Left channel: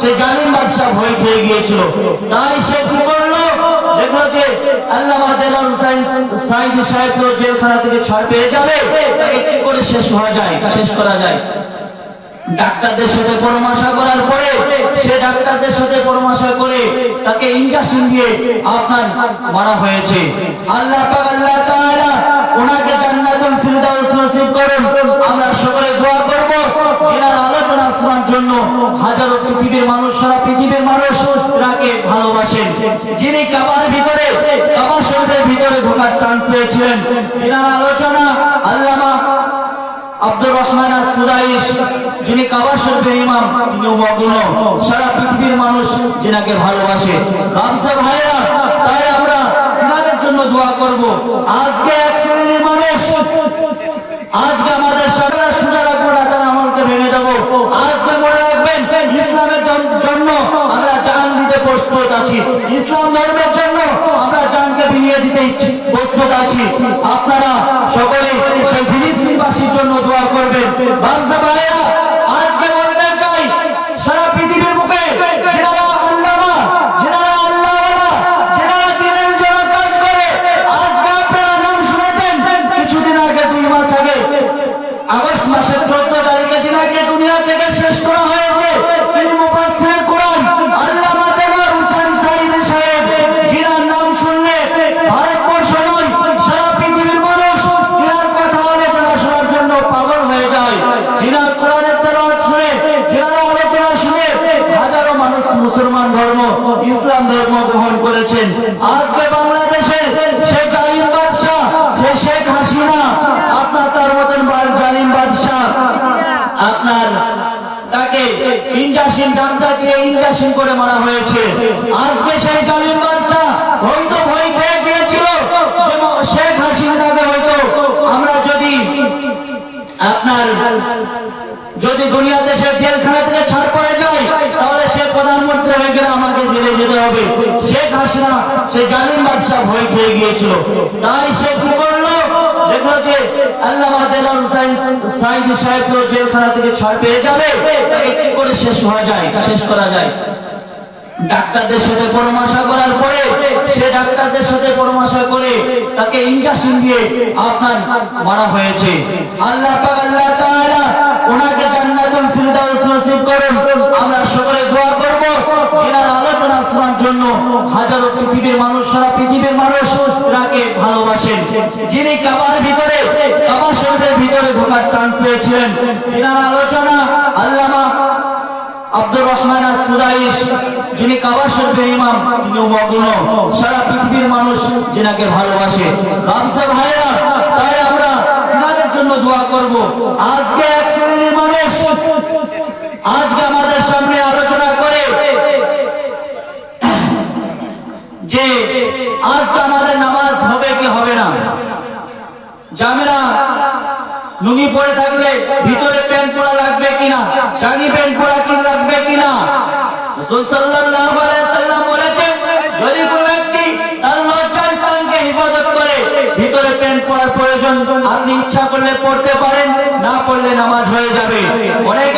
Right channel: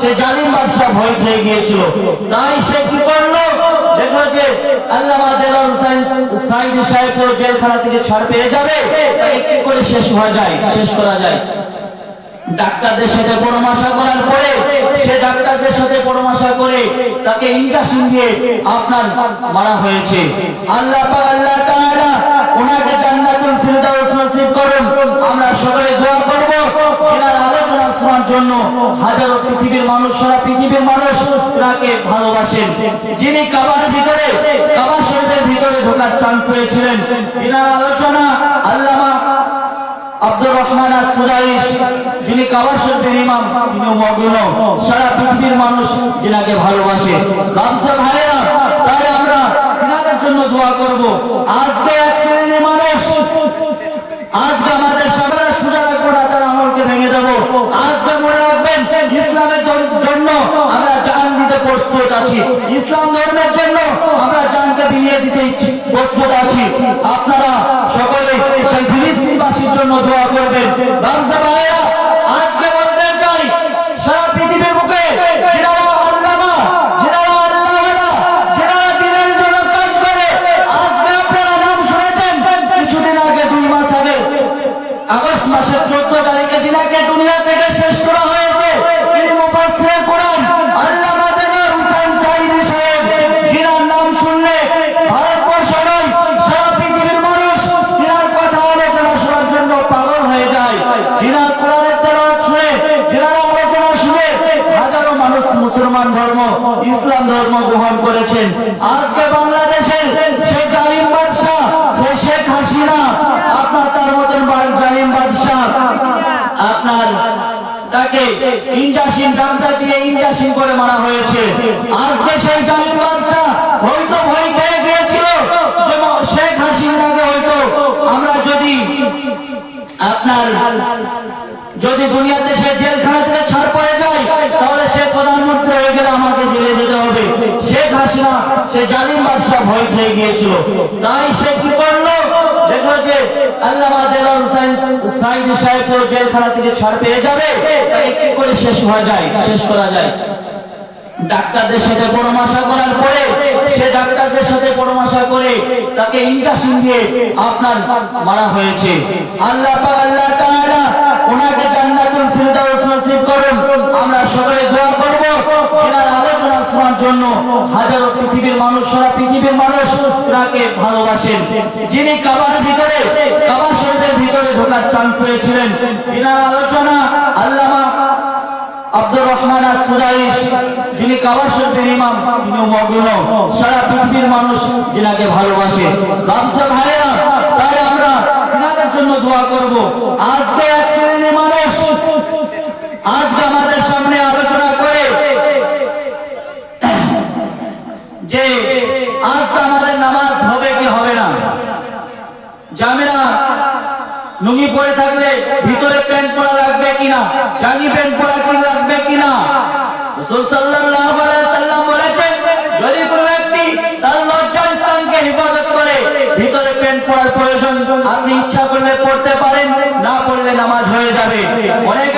সেই জালিম বাদশা ভয় খেয়ে গিয়েছিল। তাই সে কি করলো, দেখলো যে আল্লামা দেলোয়ার হোসেন সাঈদী সাহেব জেলখানা থেকে ছাড় পেয়ে যাবে, তাকে কি করে শেষ করা যায়। ডাক্তারদের সাথে পরামর্শ করার পরে সে ডাক্তারদের সাথে পরামর্শ করে তাকে ইনজেকশন দিয়ে আপনার মারা হয়েছে। আল্লাহ পাক আল্লাহ তাআলা ওনাকে জান্নাতুল ফিরদাউস নসিব করুন। আমরা সকলে দোয়া করব এনার আলোচনা শোনার জন্য। হাজারো পৃথিবীর মানুষ, সারা পৃথিবীর মানুষ ওনাকে ভালোবাসেন। যিনি কাবা শরীফের ভিতরে ঢোকার চান্স পেয়েছিলেন, এনার আলোচনা আল্লামা আব্দুর রহমান আস-সুরাইশ, যিনি কাবা শরীফের ইমাম, তিনিও মগ্ন। সারা পৃথিবীর মানুষ যিনাকে ভালোবাসে। বাদশা ভাইরা, তাই আমরা তিনাদের জন্য দোয়া করব। আজকে এক শ্রেণীর মানুষ, আজকে আমাদের সামনে সোজা রাখবো না, তার আমলকে ভেঙে দেবো। আজকে মনে রাখবেন, ইসলামের জন্য আমরা জান দিতে প্রস্তুত আছি। ইসলাম ধর্মের জন্য আমরা জানকে বিলিয়ে দিতে প্রস্তুত আছি। আপনারা সকলে সেই ফিলিস্তিনবাসীর জন্য দোয়া করবেন। বাদশা ভাইরা, আজকে বলতে চাই, সারা পৃথিবীর বুকে যারা আল্লামা, যারা আল্লাহওয়ালা, যারা দিনের জন্য কাজ করে, আজকে আপনারা নাম শুনেছেন। কিছুদিন আগে, 2 মাস আগে, আগস্ট মাসের 14 তারিখে যিনাকে দুনিয়া থেকে শেষ করা হয়েছে, তিনি মুফাসসিরে কোরআন আল্লামা দেলোয়ার হোসেন সাঈদী সাহেব, যিনার নাম শুনলে ভারতবর্ষ নয়, সারা পৃথিবীর মানুষ যিনার কথা আলোচনা শোনার জন্য পাগল হয়ে যায়। যিনার কোরআনের তেলাওয়াত শুনে, যিনার আলোচনা শুনে হাজারো মানুষ মুসলমান ধর্ম, ইসলাম ধর্ম গ্রহণ করেছেন। আজকে বাংলাদেশের সেই জালিম বাদশা, সেই শেখ হাসিনা, আপনার তার মতন জালিম বাদশা, আপনার তাকে ইনজেকশন, ডাক্তার দিয়ে ইনজেকশন করে মারা হয়েছে। আজকে সেই জালিম বাদশা হয়তো ভয় খেয়ে গিয়েছিল যে শেখ হাসিনাকে হয়তো আমরা যদি দুনিয়া দেশের জেলখানা থেকে ছাড় পড়ে যায়, তাহলে সে প্রধানমন্ত্রী হয়ে গেলে আমাকে জেলে যেতে হবে। শেখ হাসিনা সেই জালিম বাদশা ভয় খেয়ে গিয়েছিল। তাই সে কি করলো, দেখলো যে আল্লামা দেলোয়ার হোসেন সাঈদী সাহেব জেলখানা থেকে ছাড় পেয়ে যাবে, তাকে কি করে শেষ করা যায়। ডাক্তারদের সাথে পরামর্শ করার পরে সে ডাক্তারদের সাথে পরামর্শ করে তাকে ইনজেকশন দিয়ে আপনার মারা হয়েছে। আল্লাহ পাক আল্লাহ তাআলা ওনাকে জান্নাতুল ফিরদাউস নসিব করুন। আমরা সকলে দোয়া করব এনার আলোচনা শোনার জন্য। হাজারো পৃথিবীর মানুষ, সারা পৃথিবীর মানুষ ওনাকে ভালোবাসেন। যিনি কাবা শরীফের ভিতরে ঢোকার চান্স পেয়েছিলেন, এনার আলোচনা আল্লামা আব্দুর রহমান আস-সুরাইশ, যিনি কাবা শরীফের ইমাম, তিনিও মগ্ন। সারা পৃথিবীর মানুষ যিনাকে ভালোবাসে। বাদশা ভাইরা, তাই আমরা তিনাদের জন্য দোয়া করব। আজকে এক শ্রেণীর মানুষ, আজকে আমাদের সামনে আলোচনা করে যে আজকে আমাদের নামাজ হবে কি হবে না। জামিরা লুঙ্গি পরে থাকলে ভিতরে প্যান্ট পরা লাগবে কিনা, জানি প্যান্ট পরা কি লাগবে কিনা। রাসূল সাল্লাল্লাহু আলাইহি ওয়াসাল্লাম বলেছেন, যদি কোনো ব্যক্তি তার লজ্জা স্থানকে হেফাজত করে ভিতরে প্যান্ট পরার প্রয়োজন, আপনি ইচ্ছা করলে পড়তে পারেন, না পড়লে নামাজ হয়ে যাবে। অনেক